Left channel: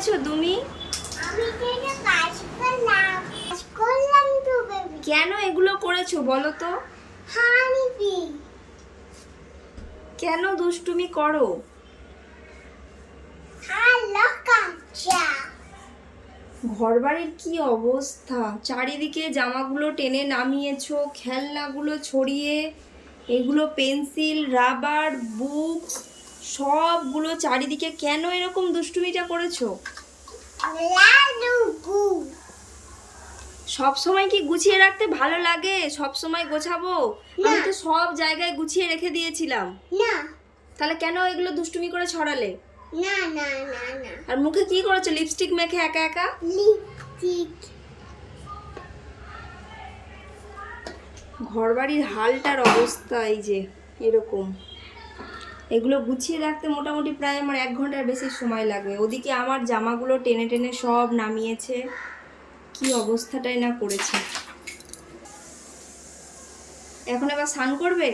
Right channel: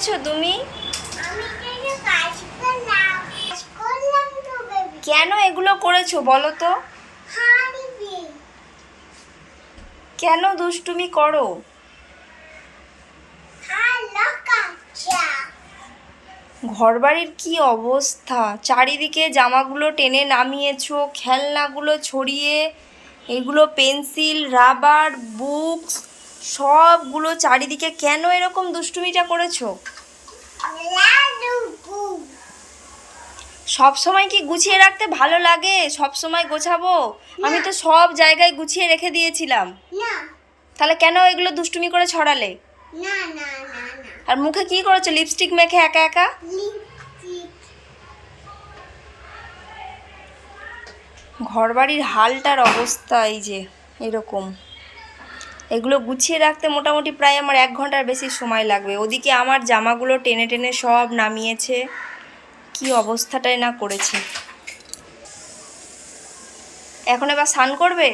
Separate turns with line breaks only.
করেছ তুমি? কেন এগুলো করেছ বলো তো? কেন দুষ্টুমি করো?
হ্যালো কাঁচা।
ঘরবাড়ির কি অবস্থা? চারিদিকে জামাগুলো টেনে নামিয়েছো খেলনাগুলো ছড়িয়ে এগুলো পেন্সিল রাবার বুকস সবগুলো চারিদিকে কেন এরকম দুষ্টুমিটা করেছ? সব সময় কি গুছিয়ে রাখতে ভালো লাগে? সব সময় গোছাবো? আমি তো সব জায়গায় গুছিয়ে রেখে দিয়েছিলাম।
না।
তাহলে কেন এগুলো দুষ্টুমি করে ছড়ালে?
না না না না।
আর মুখে কি করেছ? লিপস্টিক মেখে একা একা? ঘরবাড়ির হালটার অবস্থা এই যে এরকম। এগুলো গুছিয়ে রাখতে মোটামুটি প্রায় আমার এক ঘণ্টার বেশি সময় লাগবে। ওদিকে আমার জামাগুলো টেনে টেনে সব নামিয়েছে। কি অবস্থাটাই না করেছে। এখন এবার স্নান করবে?